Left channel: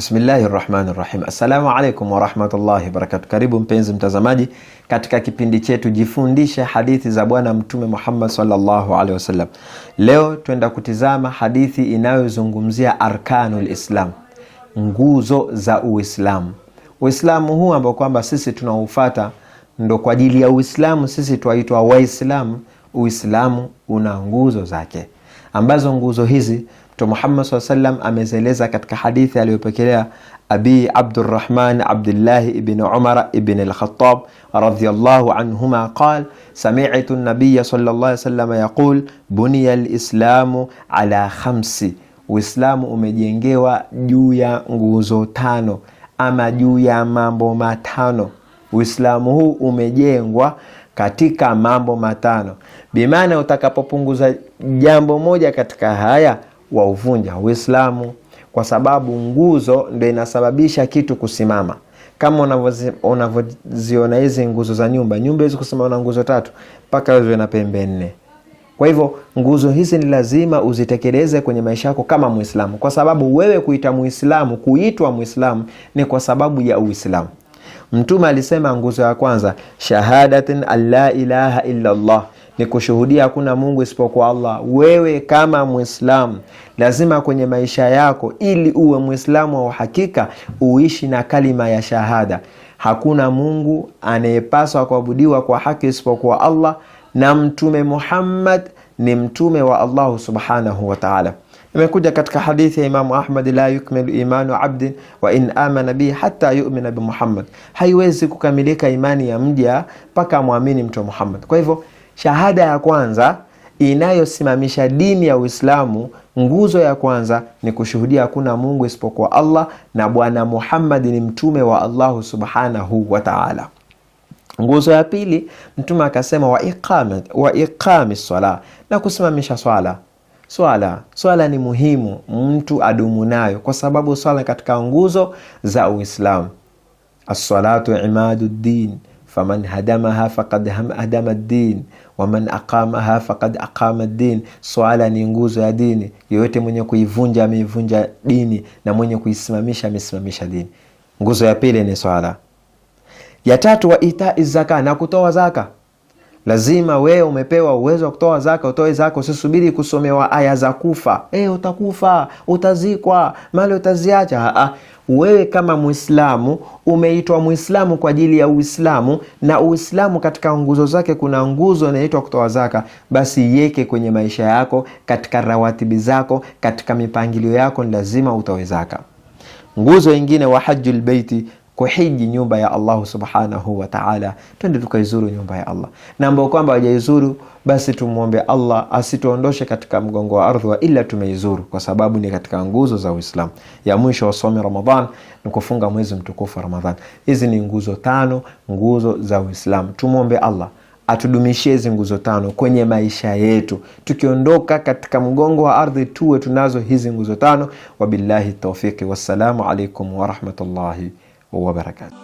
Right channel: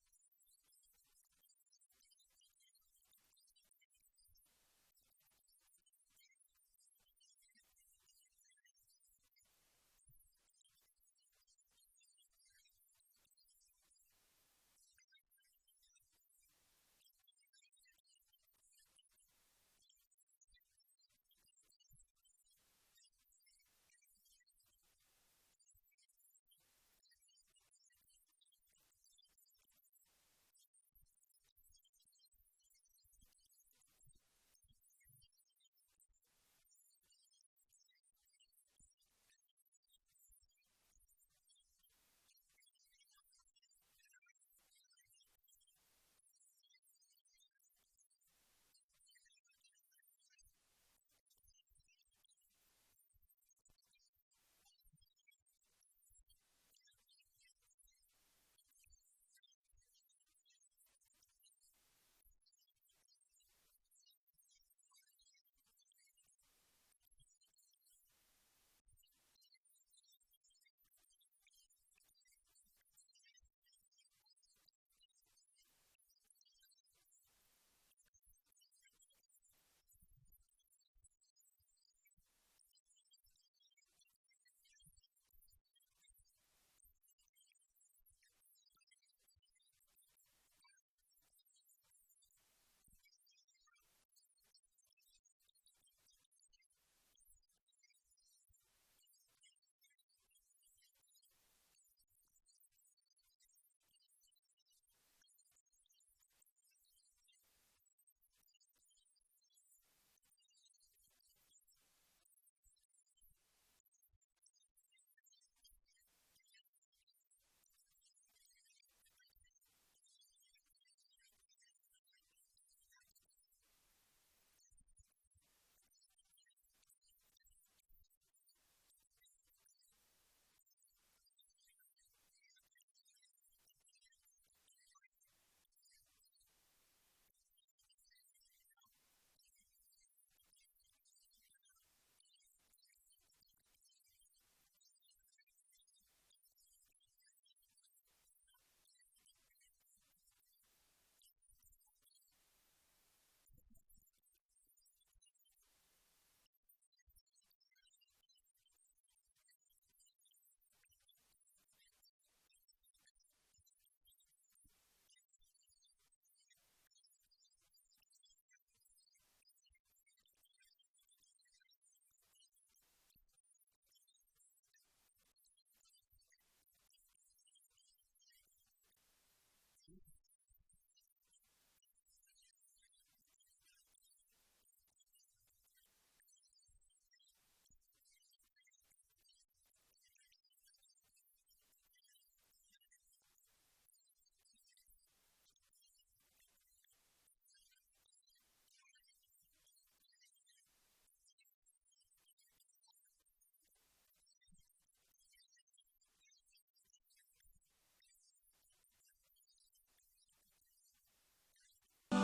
Bismillahirrahmanirrahim. Assalamu alaikum wa rahmatullahi wa barakatuh. Karibu mpenzi mtazamaji katika kipindi chetu Jifundishe hadithi za Bwana Mtume Muhammad sallallahu alaihi wasallam. Leo tuenda kutizama hadithi inayozungumzia arkanul Islam, nguzo za Uislamu. Uislamu huu ambao kwamba sisi tunaufuata ndo kwa ajili ya Uislamu sisi tuaitwa Waislamu. Uislamu una nguzo zake, ambazo nguzo hizi Mtume Muhammad sallallahu alaihi wasallam amezeleza katika hadithi aliyopokelea Abi Abdurrahman Abdullah ibn Umar ibn al-Khattab radhiyallahu anhuma qala sami'tu an-nabiy sallallahu alaihi wasallam yaqul buniya al-islamu ala khamsi. Uislamu umejengewa juu ya nguzo tano ama juu ya mambo matano. Uislamu huu umejengwa katika mambo matano. Bimaana utakapopunguza jambo moja katika haya wauvunja Uislamu, kwa sababu nguzo ndio inasababisha kitu kusimama. Kama unavyoziona hizi nguzo za nyumba hizi kusimama na nguzo tatu mpaka ziwe na pembe nne. Kwa hivyo nguzo hizi ni lazima uzitekeleze kwenye maisha yako kama Muislamu, kwa sababu wewe kuitwa Muislamu ni kwa sababu ya Uislamu. Mtume alisema nguzo ya kwanza shahadatin alla ilaha illa Allah, ni kushuhudia hakuna Mungu isipokuwa Allah. Wewe kama Muislamu lazima kwenye maisha yako, ili uwe Muislamu wa hakika, uishi na kalima ya shahada. Hakuna Mungu anayepaswa kuabudiwa kwa haki isipokuwa Allah, na Mtume Muhammad ni mtume wa Allah subhanahu wa ta'ala. Imekuja katika hadithi ya Imam Ahmad, la yukmilu imanu abdin wa in amana bi hatta yu'mina bi Muhammad. Haiwezi kukamilika imani ya mja mpaka muamini Mtume Muhammad. Kwa hivyo shahada ya kwanza inayosimamisha dini ya Uislamu, nguzo ya kwanza ni kushuhudia hakuna Mungu isipokuwa Allah na Bwana Muhammad ni mtume wa Allah subhanahu wa ta'ala. Nguzo ya pili Mtume akasema wa iqami swala, na kusimamisha swala. Swala ni muhimu mtu adumu nayo, kwa sababu swala katika nguzo za Uislamu. As-salatu imaduddin faman hadamaha faqad hadama ad-din wa man aqamaha faqad aqama ad-din. Swala ni nguzo ya dini, yote mwenye kuivunja ameivunja dini, na mwenye kuisimamisha amesimamisha dini. Nguzo ya pili ni swala. Ya tatu wa ita'i zaka, na kutoa zaka. Lazima wewe umepewa uwezo wa kutoa zaka, utoe zaka. Usisubiri kusomewa aya za kufa, utakufa, utazikwa, mali utaziacha. Wewe kama Muislamu umeitwa Muislamu kwa ajili ya Uislamu, na Uislamu katika nguzo zake kuna nguzo inaitwa kutoa zaka. Basi yeke kwenye maisha yako, katika rawatibi zako, katika mipangilio yako, ni lazima utoe zaka. Nguzo nyingine wa hajjul baiti, kuhiji nyumba ya Allah subhanahu wa ta'ala. Twende tukaizuru nyumba ya Allah, na ambao kwamba hajaizuru basi tumuombe Allah asituondoshe katika mgongo wa ardhi ila tumeizuru, kwa sababu ni katika nguzo za Uislamu. Ya mwisho wa somo Ramadhan ni kufunga mwezi mtukufu Ramadhan. Hizi ni nguzo tano, nguzo za Uislamu. Tumuombe Allah atudumishie hizi nguzo tano kwenye maisha yetu, tukiondoka katika mgongo wa ardhi tuwe tunazo hizi nguzo tano. Wabillahi tawfiki, wassalamu alaikum wa rahmatullahi wa barakatuh.